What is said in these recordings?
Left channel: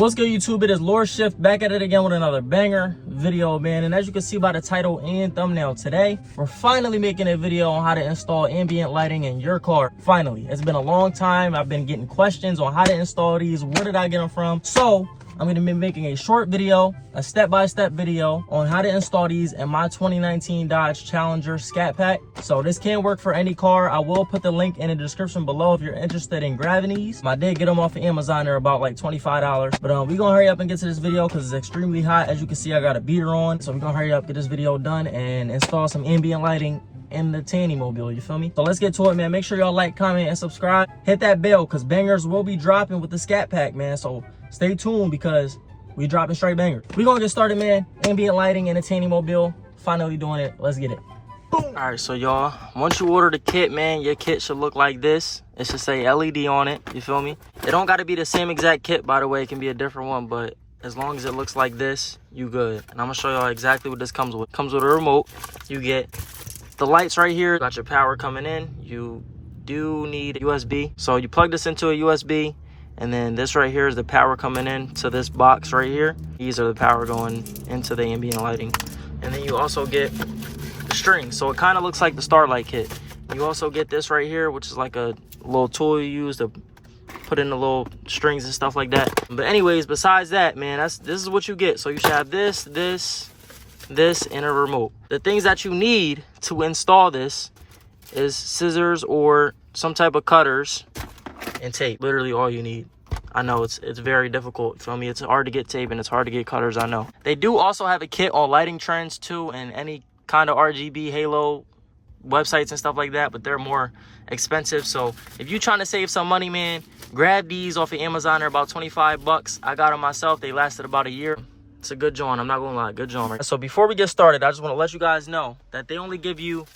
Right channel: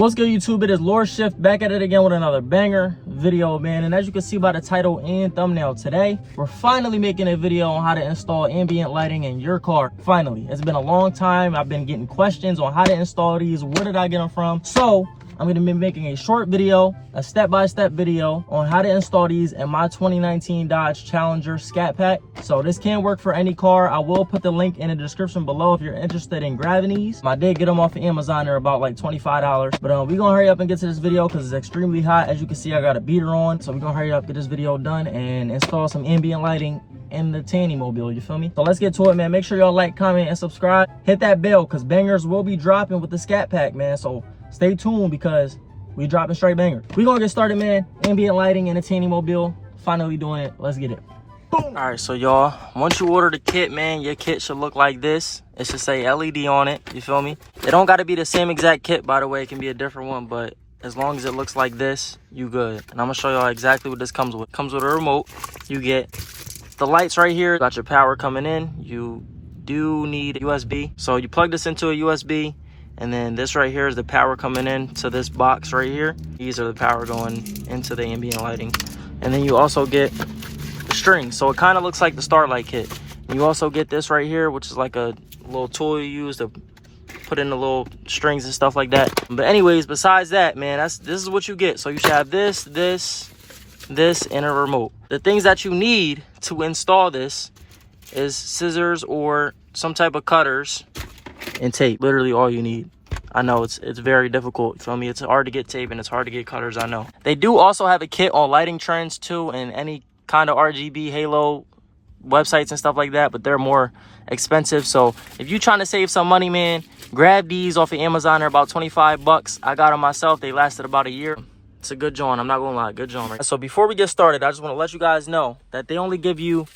What's good, YouTube? It is lorShift back at it again with another banger video, man. And as you can see by the title and thumbnail, today we're finally making a video on how to install ambient lighting in your car. Finally, it's been a long time. I've been getting questions on how to install these, where did I get them from. So I'm going to be making a short video, a step-by-step video on how to install these in my 2019 Dodge Challenger Scatpack. So this can work for any car. I will put the link in the description below if you're interested in grabbing these. I did get them off of Amazon. They're about like $25. But we're gonna hurry up and get to this video because it's extremely hot. As you can see, I got a beater on. So we're gonna hurry up, get this video done and install some ambient lighting in the Tanny mobile, you feel me? So let's get to it, man. Make sure y'all like, comment, and subscribe. Hit that bell because bangers will be dropping with the Scatpack, man. So stay tuned because we dropping straight bangers. We're gonna get started, man. Ambient lighting in the Tanny mobile. Finally doing it. Let's get it. Boom. All right, so y'all, once you order the kit, man, your kit should look like this. It should say LED on it, you feel me? It don't gotta be the same exact kit, by the way. It can be a different one, but as long as it looks like this, you good. And I'm gonna show y'all exactly what this comes with. It comes with a remote. You get the lights right here. Got your power coming in. You do need USB. So you plug this into a USB, and then this right here is the power coming in to this box right here. These are the power going into the ambient lighting. And then you also get the string. So it kind of looks like the Starlight kit. And you also get this right here, which is like a little tool you use to put in the little strings and stuff like that. But anyways, besides that, man, this is what you get. So you should have this, and a remote. The things that you need to install this is scissors or some type of cutters and tape. Literally all you need. I know it's very difficult. You feel me? It's hard to get tape and it's hard to get cutters, I know. They do also have a kit on Lighting Trends too, and any kind of RGB halo websites and stuff like that, but they're more expensive. So if you're trying to save some money, man, grab these off of Amazon. They're about 25 bucks. I got them myself. They lasted about a year. It's a good joint. I'm not gonna lie, good joint. Right? So before we get started, I just want to let you guys know that they only give you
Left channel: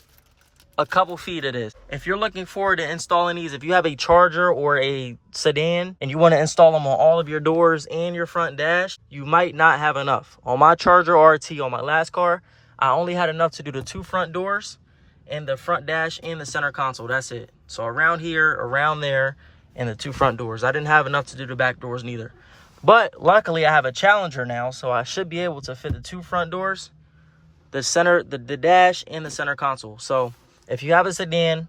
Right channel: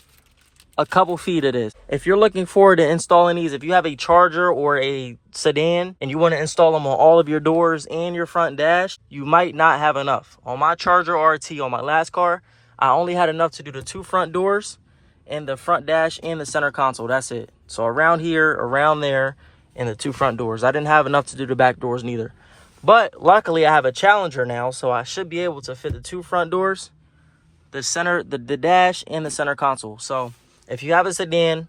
a couple feet of this. If you're looking forward to installing these, if you have a Charger or a sedan and you want to install them on all of your doors and your front dash, you might not have enough. On my Charger RT, on my last car, I only had enough to do the 2 front doors and the front dash and the center console. That's it. So around here, around there, and the 2 front doors. I didn't have enough to do the back doors neither. But luckily I have a Challenger now, so I should be able to fit the 2 front doors, the center, the dash, and the center console. So if you have a sedan,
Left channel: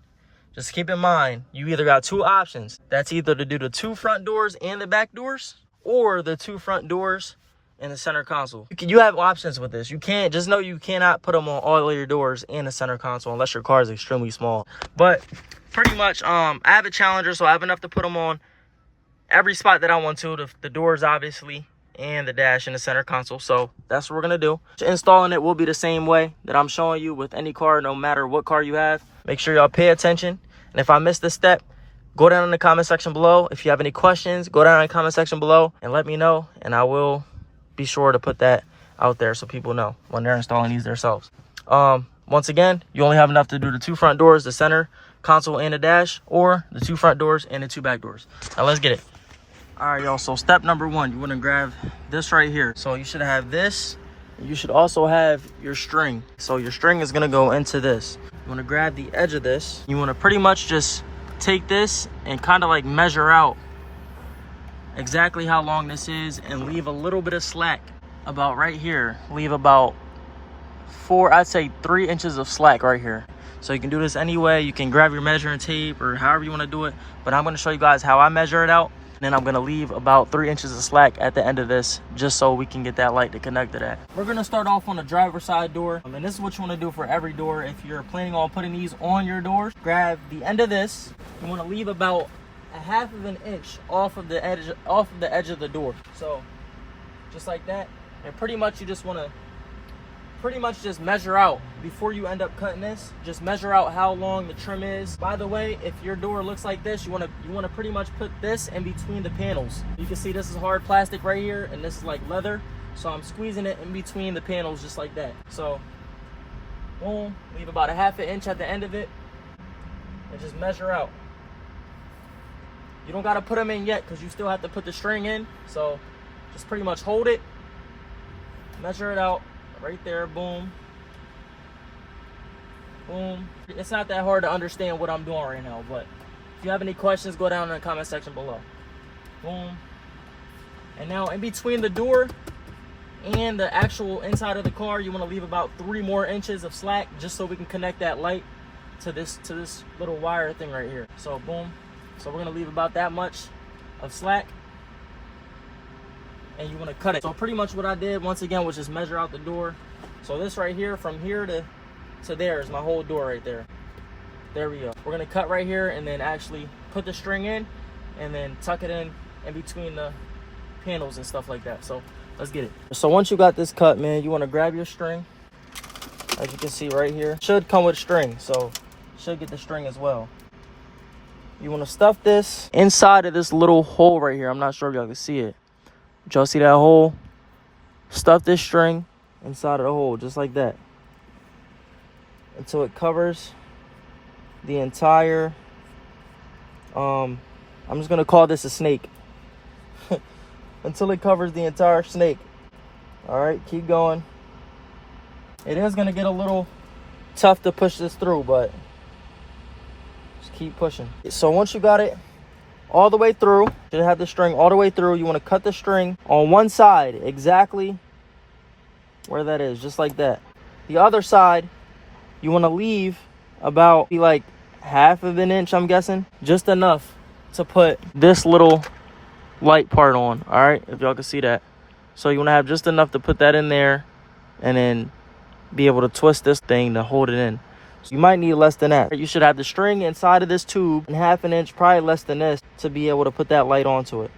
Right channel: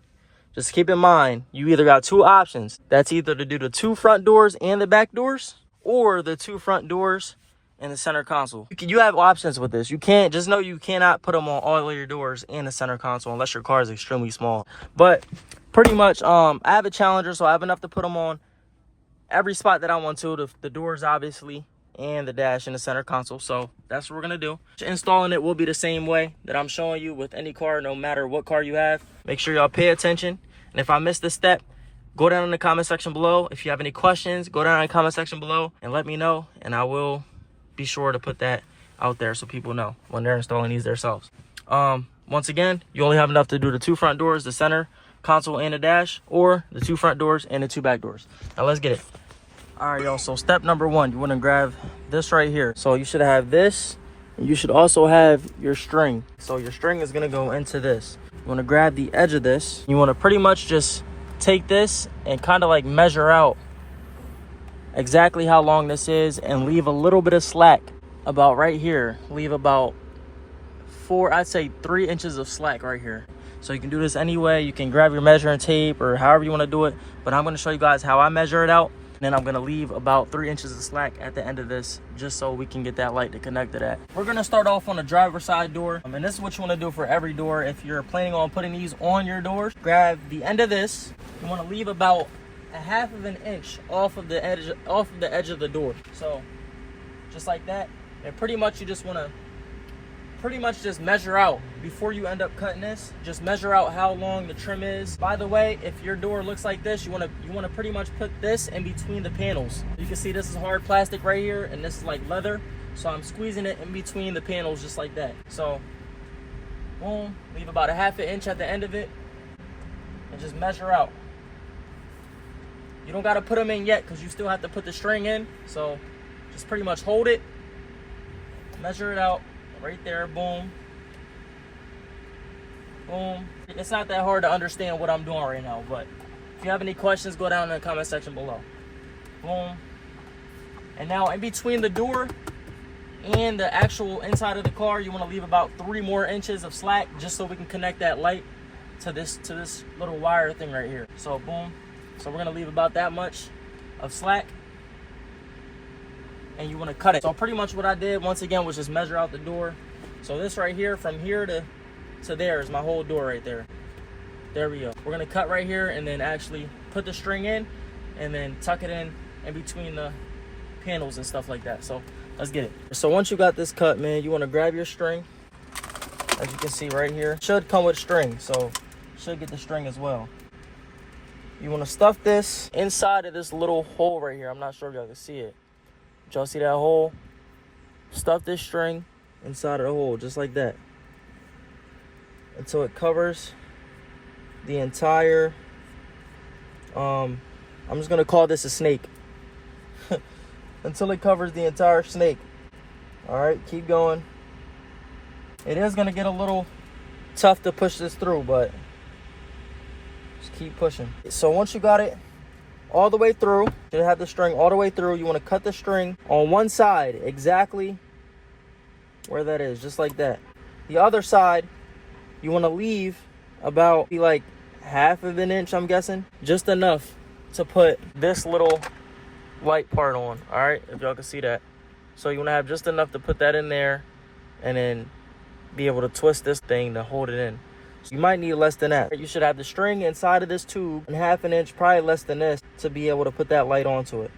just keep in mind, you either got 2 options. That's either to do the 2 front doors and the back doors, or the 2 front doors and the center console. You have options with this. You can't, just know you cannot put them on all of your doors and the center console unless your car is extremely small. But pretty much, I have a Challenger, so I have enough to put them on every spot that I want to. The doors, obviously, and the dash and the center console. So that's what we're gonna do. Installing it will be the same way that I'm showing you with any car, no matter what car you have. Make sure y'all pay attention, and if I missed this step, go down in the comment section below. If you have any questions, go down in the comment section below and let me know, and I will be sure to put that out there so people know when they're installing these themselves. Once again, you only have enough to do the 2 front doors, the center console, and the dash, or the 2 front doors and the 2 back doors. Now let's get it. All right, y'all, so step number 1, you want to grab this right here. So you should have this. You should also have your string. So your string is going to go into this. You want to grab the edge of this. You want to pretty much just take this and kind of like measure out exactly how long this is and leave a little bit of slack about right here. Leave about 3 inches of slack right here. So you can do this anyway. You can grab your measuring tape or however you want to do it. But I'm going to show you guys how I measure it out. Then I'm gonna leave about 3 inches of slack at the end of this, just so we can get that light to connect to that. We're gonna start off on the driver's side door. And this is what you wanna do for every door. If you're planning on putting these on your doors, grab the end of this. You wanna leave about a 1/2 inch off of the edge of the door. So just like that. And pretty much you just wanna just measure out before you end up cutting this. Just measure out how long the trim is. By the way, if your door looks like this, you want to pretty much put this in between the panels. You can see this is hard plastic right here, and this is like leather. So I'm squeezing it in between the panels just like that. So boom, leave about a 1/2 inch at the end of it, and just measure out. You don't got to put them in yet because you still have to put the string in. So just pretty much hold it, measure it out. Right there, boom, boom. It's not that hard to understand what I'm doing right now, but if you have any questions, go down in the comment section below. Boom, And now in between the door and the actual inside of the car, you want to leave about 3 more inches of slack, just so we can connect that light to this little wire thing right here. So boom. So we're gonna leave about that much of slack, and you want to cut it. So pretty much what I did once again was just measure out the door. So this right here, from here to there, is my whole door right there. There we go. We're gonna cut right here and then actually put the string in and then tuck it in between the panels and stuff like that. So let's get it. So once you got this cut, man, you want to grab your string. As you can see right here, should come with string, so should get the string as well. You want to stuff this inside of this little hole right here. I'm not sure if y'all can see it. Y'all see that hole? Stuff this string inside of the hole just like that until it covers the entire I'm just gonna call this a snake. Until it covers the entire snake. All right, keep going. It is gonna get a little tough to push this through, but just keep pushing. So once you got it all the way through, you have the string all the way through, you want to cut the string on one side exactly where that is, just like that. The other side you want to leave about like half of an inch, I'm guessing, just enough to put this little light part on. All right, if y'all can see that. So you want to have just enough to put that in there and then be able to twist this thing to hold it in. So you might need less than that. You should have the string inside of this tube and half an inch, probably less than this, to be able to put that light onto it.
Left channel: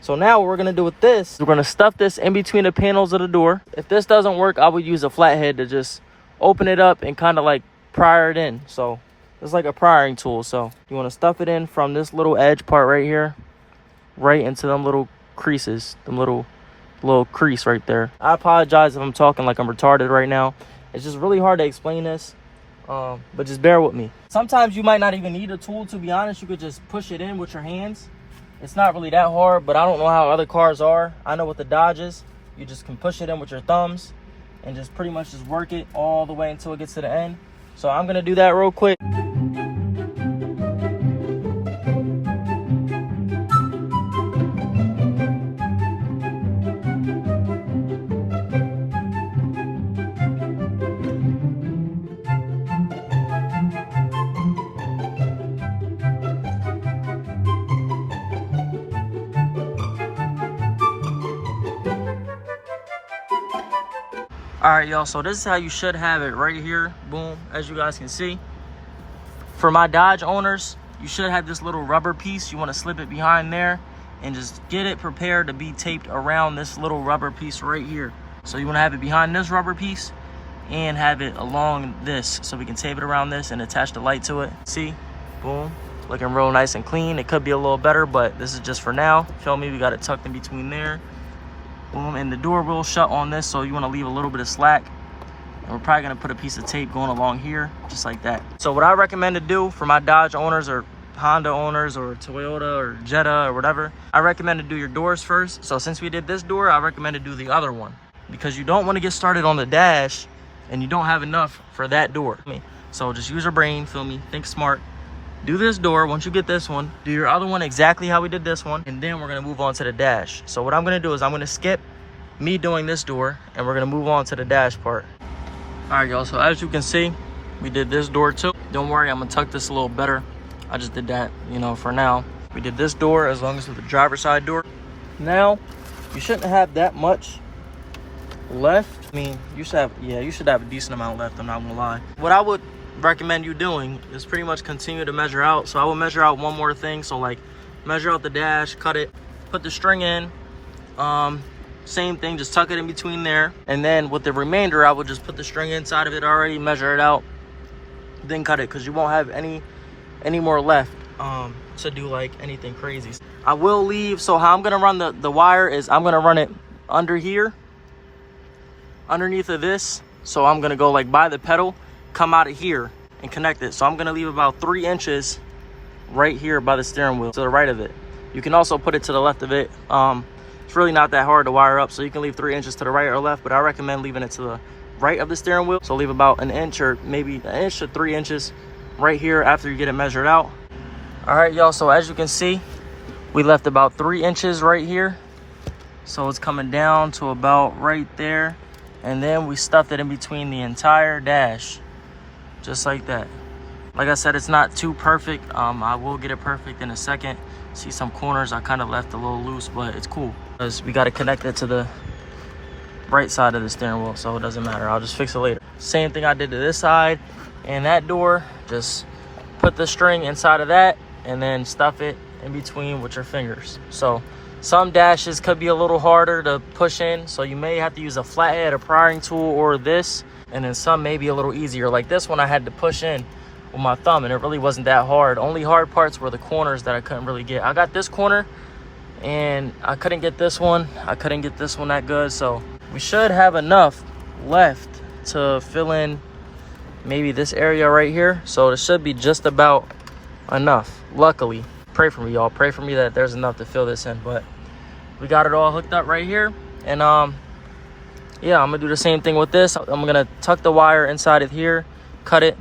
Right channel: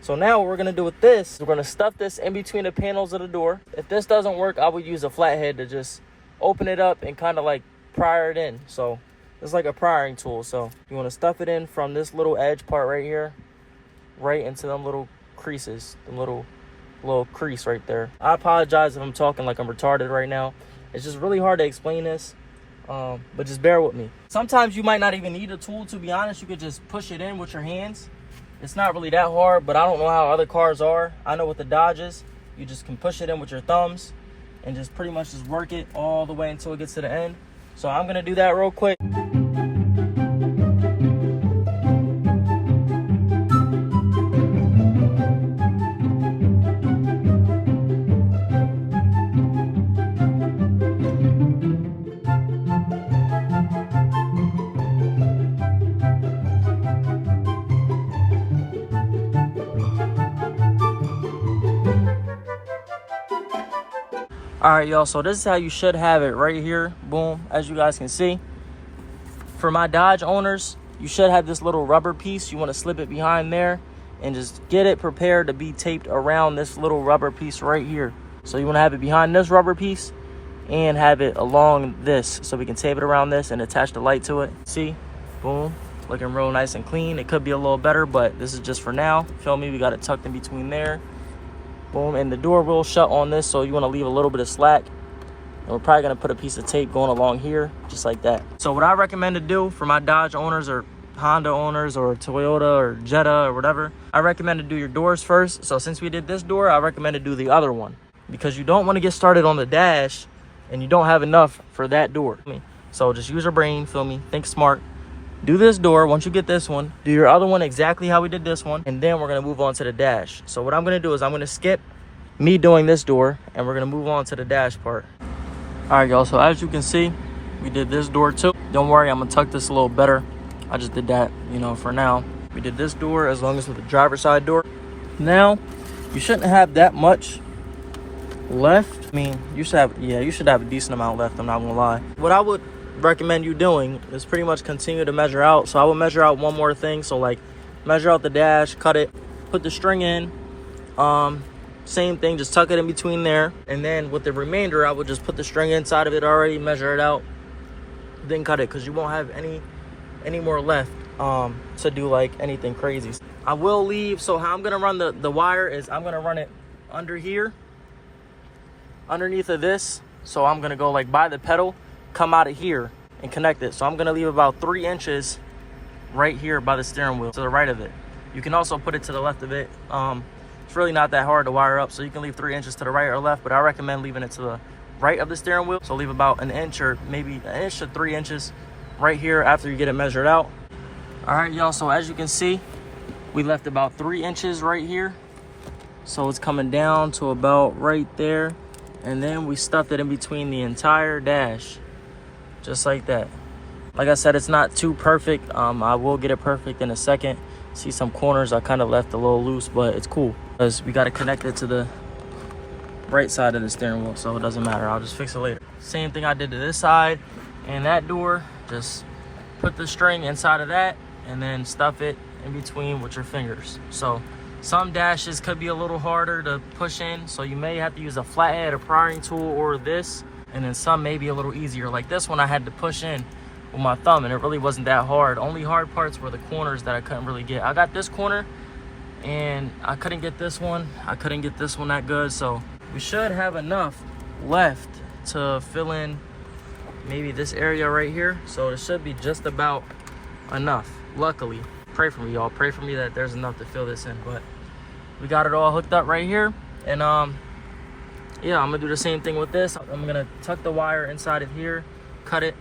So now what we're gonna do with this, we're gonna stuff this in between the panels of the door. If this doesn't work, I would use a flathead to just open it up and kind of like pry it in. So it's like a prying tool. So you want to stuff it in from this little edge part right here, right into them little creases, them little crease right there. I apologize if I'm talking like I'm retarded right now. It's just really hard to explain this, but just bear with me. Sometimes you might not even need a tool, to be honest. You could just push it in with your hands. It's not really that hard, but I don't know how other cars are. I know with the Dodges, you just can push it in with your thumbs and just pretty much just work it all the way until it gets to the end. So I'm gonna do that real quick. All right, y'all, so this is how you should have it right here. Boom, as you guys can see. For my Dodge owners, you should have this little rubber piece. You want to slip it behind there and just get it prepared to be taped around this little rubber piece right here. So you want to have it behind this rubber piece and have it along this, so we can tape it around this and attach the light to it. See, boom, looking real nice and clean. It could be a little better, but this is just for now. Feel me? We got it tucked in between there. Boom, and the door will shut on this, so you want to leave a little bit of slack. And we're probably going to put a piece of tape going along here, just like that. So what I recommend to do for my Dodge owners or Honda owners or Toyota or Jetta or whatever, I recommend to do your doors first. So since we did this door, I recommend to do the other one, because you don't want to get started on the dash and you don't have enough for that door. So just use your brain, feel me? Think smart. Do this door. Once you get this one, do your other one exactly how we did this one, and then we're going to move on to the dash. So what I'm going to do is I'm going to skip me doing this door, and we're going to move on to the dash part. All right, y'all, so as you can see, we did this door too. Don't worry, I'm going to tuck this a little better. I just did that, you know, for now. We did this door as long as with the driver's side door. Now, you shouldn't have that much left. I mean, you should have a decent amount left, I'm not going to lie. What I would recommend you doing is pretty much continue to measure out. So I will measure out one more thing. So like measure out the dash, cut it, put the string in, same thing, just tuck it in between there, and then with the remainder I will just put the string inside of it already, measure it out, then cut it, because you won't have any more left to do like anything crazy. I will leave, so how I'm gonna run the wire is I'm gonna run it under here, underneath of this. So I'm gonna go like by the pedal, come out of here and connect it. So I'm gonna leave about 3 inches right here by the steering wheel to the right of it. You can also put it to the left of it. It's really not that hard to wire up, so you can leave 3 inches to the right or left, but I recommend leaving it to the right of the steering wheel. So leave about an inch or maybe an inch to 3 inches right here after you get it measured out. All right, y'all, so as you can see, we left about 3 inches right here So it's coming down to about right there. And then we stuffed it in between the entire dash, just like that. Like I said, it's not too perfect. I will get it perfect in a second. See some corners I kind of left a little loose, but it's cool because we got to connect it to the right side of the steering wheel, so it doesn't matter. I'll just fix it later. Same thing I did to this side and that door. Just put the string inside of that and then stuff it in between with your fingers. So some dashes could be a little harder to push in, so you may have to use a flathead, a prying tool, or this. And then some may be a little easier. Like this one I had to push in with my thumb, and it really wasn't that hard. Only hard parts were the corners that I couldn't really get. I got this corner and I couldn't get this one. I couldn't get this one that good. So we should have enough left to fill in maybe this area right here. So it should be just about enough, luckily. Pray for me, y'all. Pray for me that there's enough to fill this in. But we got it all hooked up right here. And yeah, I'm gonna do the same thing with this. I'm gonna tuck the wire inside of here, cut it,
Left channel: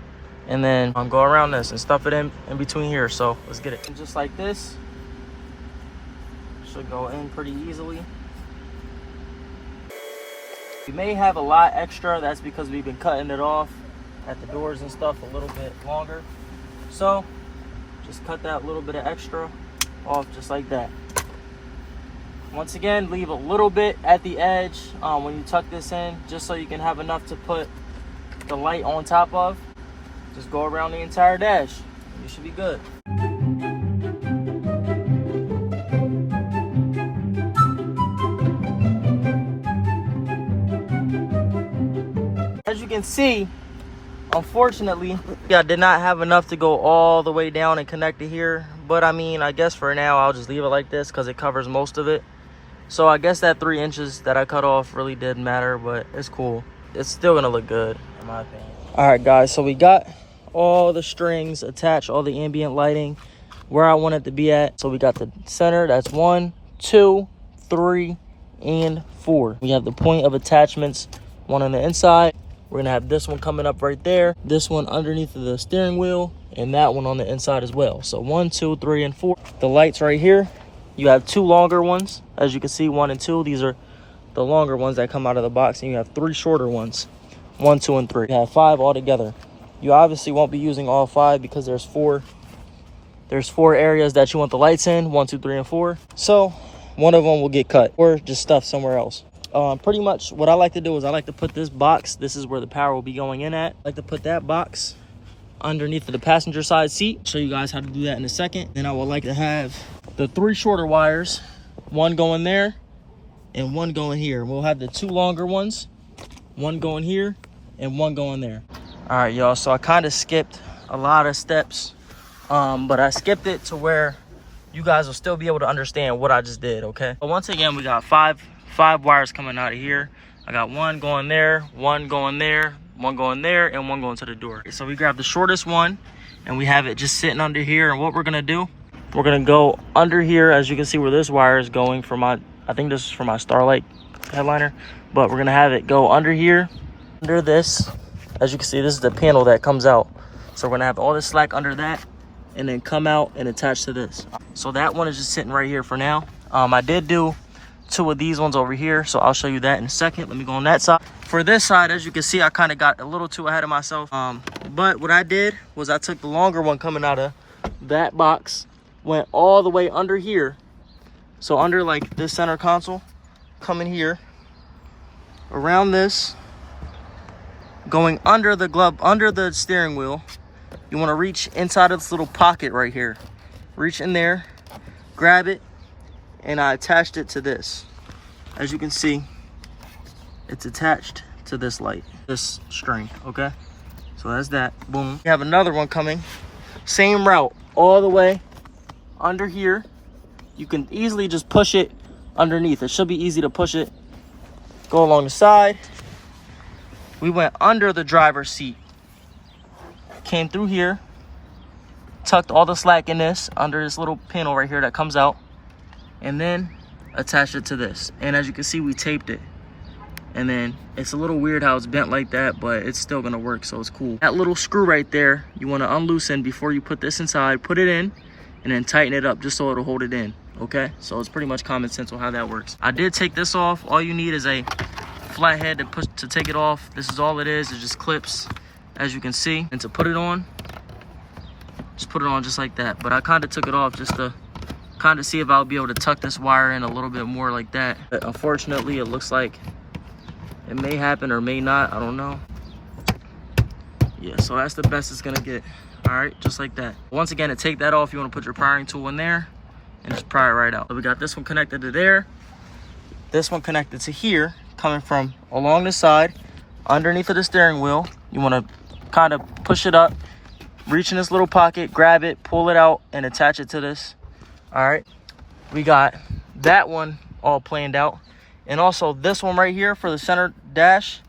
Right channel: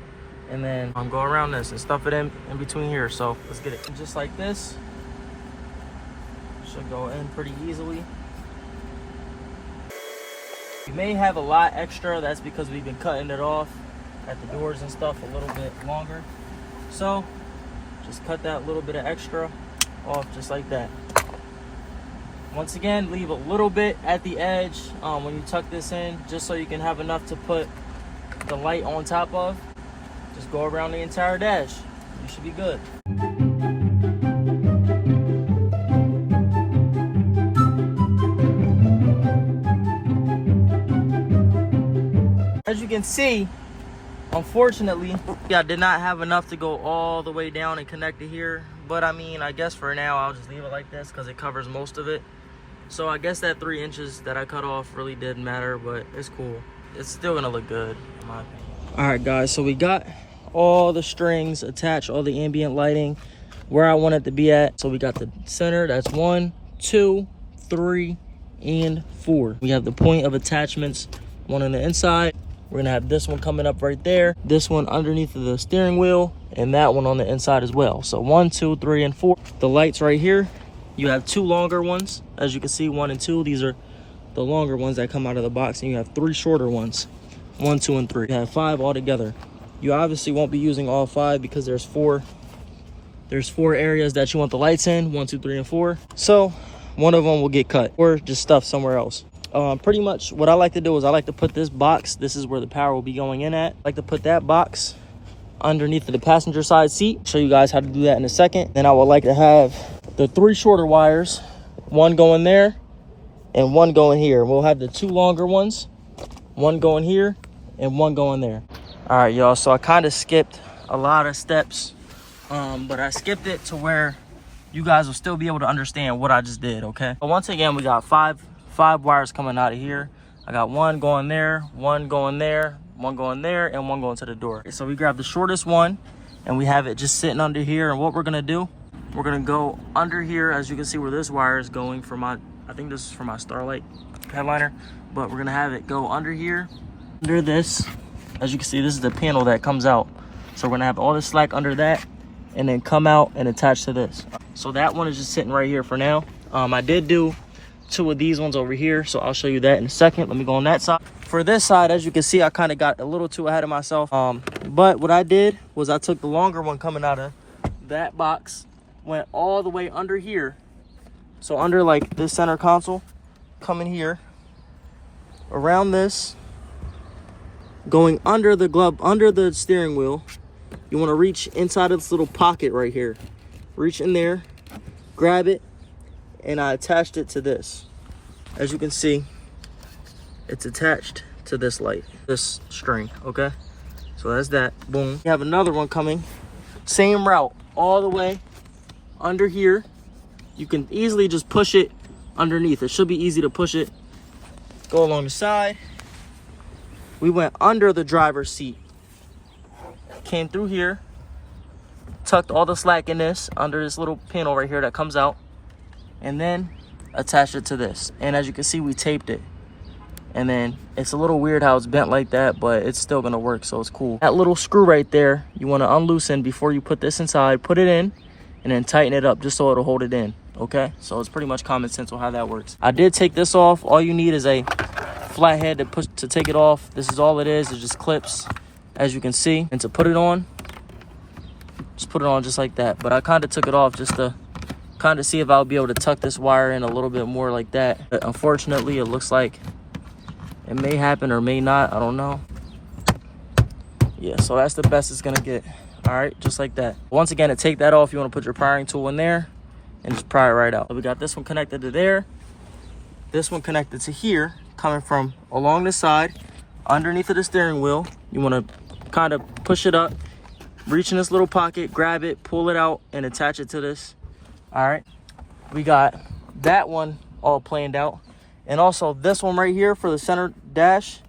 and then go around this and stuff it in between here. So let's get it. And just like this, should go in pretty easily. We may have a lot extra. That's because we've been cutting it off at the doors and stuff a little bit longer. So just cut that little bit of extra off just like that. Once again, leave a little bit at the edge when you tuck this in, just so you can have enough to put the light on top of. Just go around the entire dash. You should be good. As you can see, unfortunately, I did not have enough to go all the way down and connect it here. But I mean, I guess for now, I'll just leave it like this because it covers most of it. So I guess that 3 inches that I cut off really didn't matter, but it's cool. It's still gonna look good, in my opinion. All right, guys, so we got all the strings attached, all the ambient lighting where I want it to be at. So we got the center, that's 1, 2, 3, and 4. We have the point of attachments, one on the inside. We're gonna have this one coming up right there, this one underneath of the steering wheel, and that one on the inside as well. So 1, 2, 3, and 4. The lights right here, you have 2 longer ones. As you can see, 1 and 2, these are the longer ones that come out of the box, and you have 3 shorter ones, 1, 2, and 3. You have 5 altogether. You obviously won't be using all 5 because there's 4 areas that you want the lights in, 1, 2, 3, and 4. So one of them will get cut or just stuffed somewhere else. Pretty much what I like to do is I like to put this box, this is where the power will be going in at. I like to put that box underneath of the passenger side seat. Show you guys how to do that in a second. Then I would like to have the 3 shorter wires, 1 going there and 1 going here. We'll have the 2 longer ones, 1 going here and 1 going there. All right, y'all, so I kind of skipped a lot of steps, but I skipped it to where you guys will still be able to understand what I just did, okay? But once again, we got five wires coming out of here. I got 1 going there, 1 going there, 1 going there, and 1 going to the door. So we grab the shortest one and we have it just sitting under here. And what we're gonna do, we're gonna go under here. As you can see where this wire is going for my, I think this is for my Starlight headliner, but we're gonna have it go under here, under this. As you can see, this is the panel that comes out. So we're gonna have all the slack under that and then come out and attach to this. So that one is just sitting right here for now. I did do 2 of these ones over here, so I'll show you that in a second. Let me go on that side. For this side, as you can see, I kind of got a little too ahead of myself. But what I did was I took the longer one coming out of that box, went all the way under here. So under like this center console, coming here, around this, going under the glove, under the steering wheel. You want to reach inside of this little pocket right here. Reach in there, grab it, and I attached it to this. As you can see, it's attached to this light, this string, okay? So that's that, boom. You have another one coming, same route, all the way under here. You can easily just push it underneath. It should be easy to push it. Go along the side. We went under the driver's seat, came through here, tucked all the slack in this, under this little panel right here that comes out, and then attached it to this. And as you can see, we taped it. And then it's a little weird how it's bent like that, but it's still gonna work, so it's cool. That little screw right there, you wanna unloosen before you put this inside, put it in, and then tighten it up just so it'll hold it in. Okay, so it's pretty much common sense on how that works. I did take this off. All you need is a flathead to take it off. This is all it is. It just clips, as you can see. And to put it on, just put it on just like that. But I kind of took it off just to kind of see if I'll be able to tuck this wire in a little bit more like that. But unfortunately, it looks like it may happen or may not. I don't know. Yeah, so that's the best it's gonna get. All right, just like that. Once again, to take that off, you want to put your prying tool in there and just pry it right out. So we got this one connected to there, this one connected to here, coming from along the side underneath of the steering wheel. You want to kind of push it up, reach in this little pocket, grab it, pull it out, and attach it to this. All right, we got that one all planned out, and also this one right here for the center dash.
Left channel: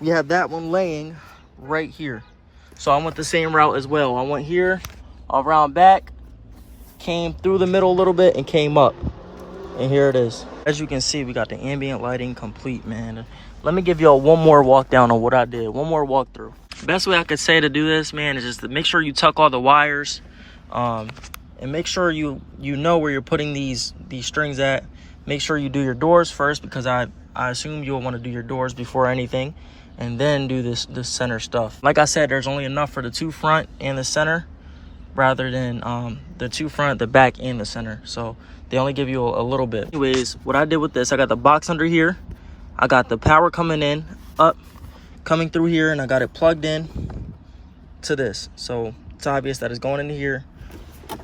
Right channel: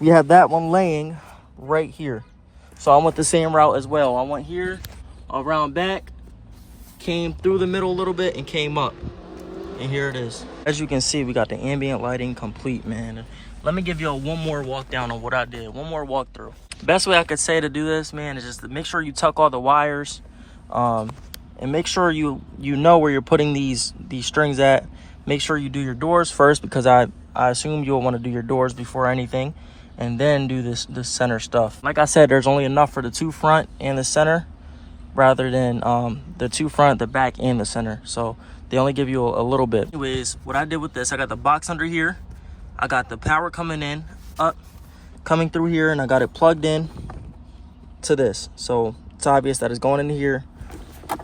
We have that one laying right here. So I went the same route as well. I went here, around back, came through the middle a little bit, and came up. And here it is. As you can see, we got the ambient lighting complete, man. Let me give y'all one more walk down on what I did. One more walkthrough. Best way I could say to do this, man, is just to make sure you tuck all the wires. And make sure you know where you're putting these strings at. Make sure you do your doors first, because I assume you'll want to do your doors before anything. And then do this center stuff. Like I said, there's only enough for the two front and the center, rather than the two front, the back, and the center. So they only give you a little bit. Anyways, what I did with this, I got the box under here. I got the power coming in, up, coming through here, and I got it plugged in to this. So it's obvious that it's going into here,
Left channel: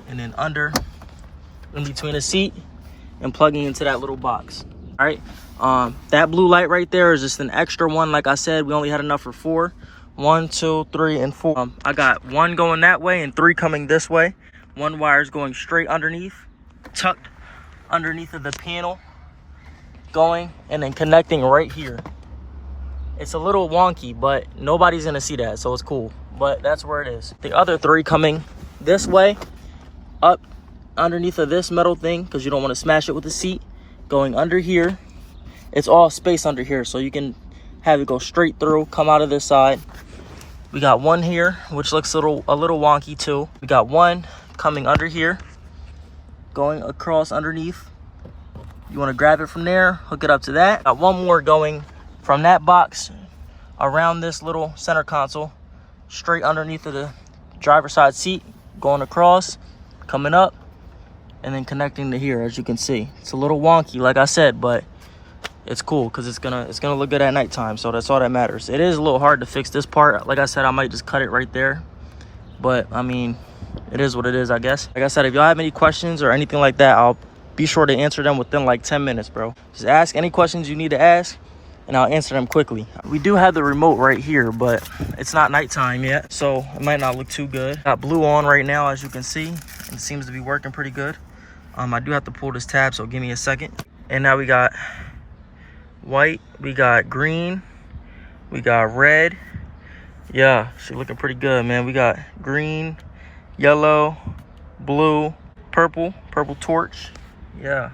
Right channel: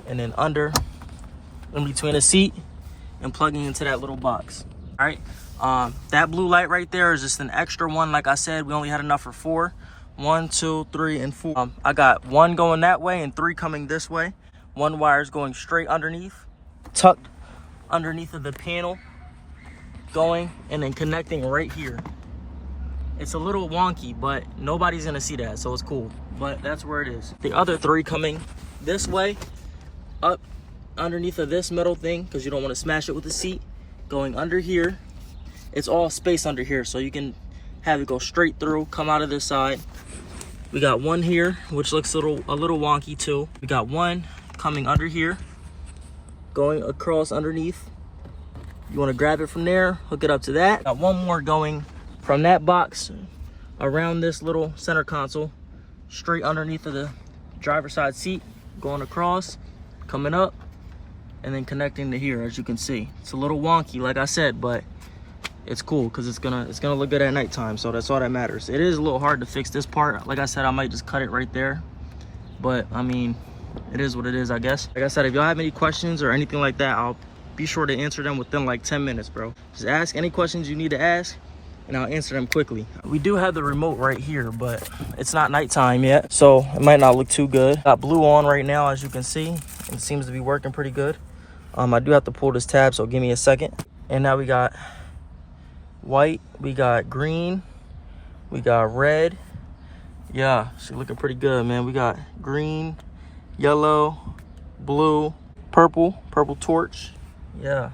and then under, in between the seat, and plugging into that little box. All right. That blue light right there is just an extra one. Like I said, we only had enough for 4. 1, 2, 3, and 4. I got 1 going that way and 3 coming this way. 1 wire is going straight underneath, tucked underneath of the panel, going and then connecting right here. It's a little wonky, but nobody's gonna see that, so it's cool. But that's where it is. The other 3 coming this way, up underneath of this metal thing, because you don't want to smash it with the seat, going under here. It's all space under here, so you can have it go straight through, come out of this side. We got 1 here, which looks a little wonky too. We got 1 coming under here, going across underneath. You want to grab it from there, hook it up to that. Got 1 more going from that box around this little center console, straight underneath of the driver's side seat, going across, coming up, and then connecting to here. As you can see, it's a little wonky, like I said, but it's cool because it's gonna look good at nighttime, so that's all that matters. It is a little hard to fix this part. Like I said, I might just cut it right there, but I mean, it is what it is, I guess. Like I said, if y'all have any questions or anything like that, I'll be sure to answer them within like 10 minutes, bro. Just ask any questions you need to ask, and I'll answer them quickly. We do have the remote right here, but it's not nighttime yet, so it might not look too good. Got blue on right now, as you can see. It seems to be working pretty good. I do have to pull this tab, so give me a second. And now we got white, we got green, we got red. Yeah, she's looking pretty good, man. We got green, yellow, blue, purple torch. Yeah,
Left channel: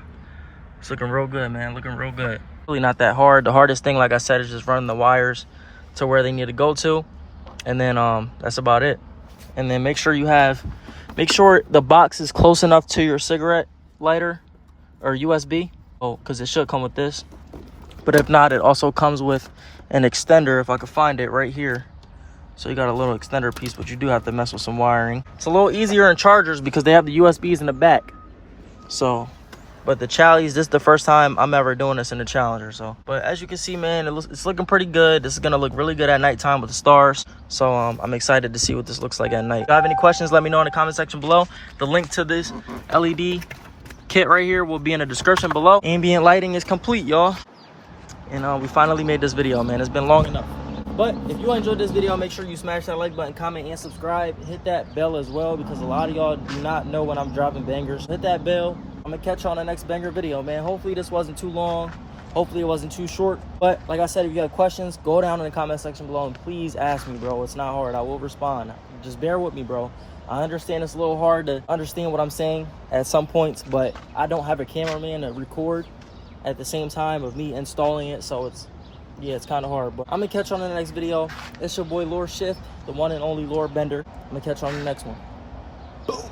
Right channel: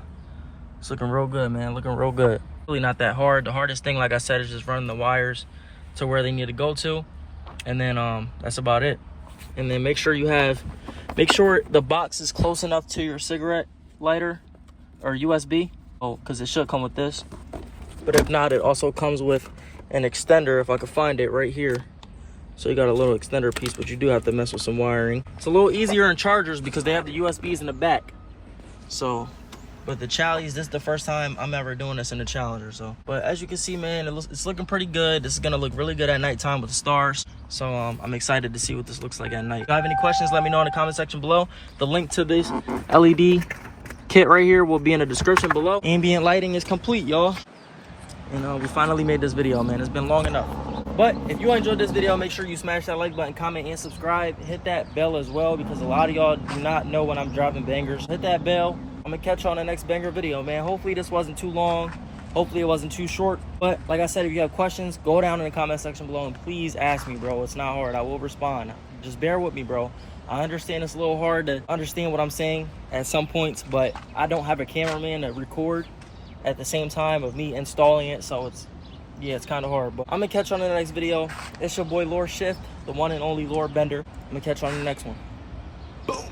it's looking real good, man. Looking real good. Really not that hard. The hardest thing, like I said, is just running the wires to where they need to go to, and then that's about it. And then make sure the box is close enough to your cigarette lighter or USB. Oh, because it should come with this. But if not, it also comes with an extender, if I could find it, right here. So you got a little extender piece, but you do have to mess with some wiring. It's a little easier in chargers because they have the USBs in the back. So, but the Challies, this is the first time I'm ever doing this in the Challenger. So, but as you can see, man, it's looking pretty good. This is gonna look really good at nighttime with the stars. So I'm excited to see what this looks like at night. If you have any questions, let me know in the comment section below. The link to this LED kit right here will be in the description below. Ambient lighting is complete, y'all. And we finally made this video, man. It's been long enough. But if you enjoyed this video, make sure you smash that like button, comment, and subscribe. Hit that bell as well, because a lot of y'all do not know when I'm dropping bangers. Hit that bell. I'm gonna catch you on the next banger video, man. Hopefully this wasn't too long. Hopefully it wasn't too short. But like I said, if you have questions, go down in the comment section below and please ask me, bro. It's not hard. I will respond. Just bear with me, bro. I understand it's a little hard to understand what I'm saying at some points, but I don't have a cameraman to record at the same time of me installing it, so it's kind of hard. But I'm gonna catch you on the next video. It's your boy lorShift, the one and only lore bender. I'm gonna catch you on the next one. Boom.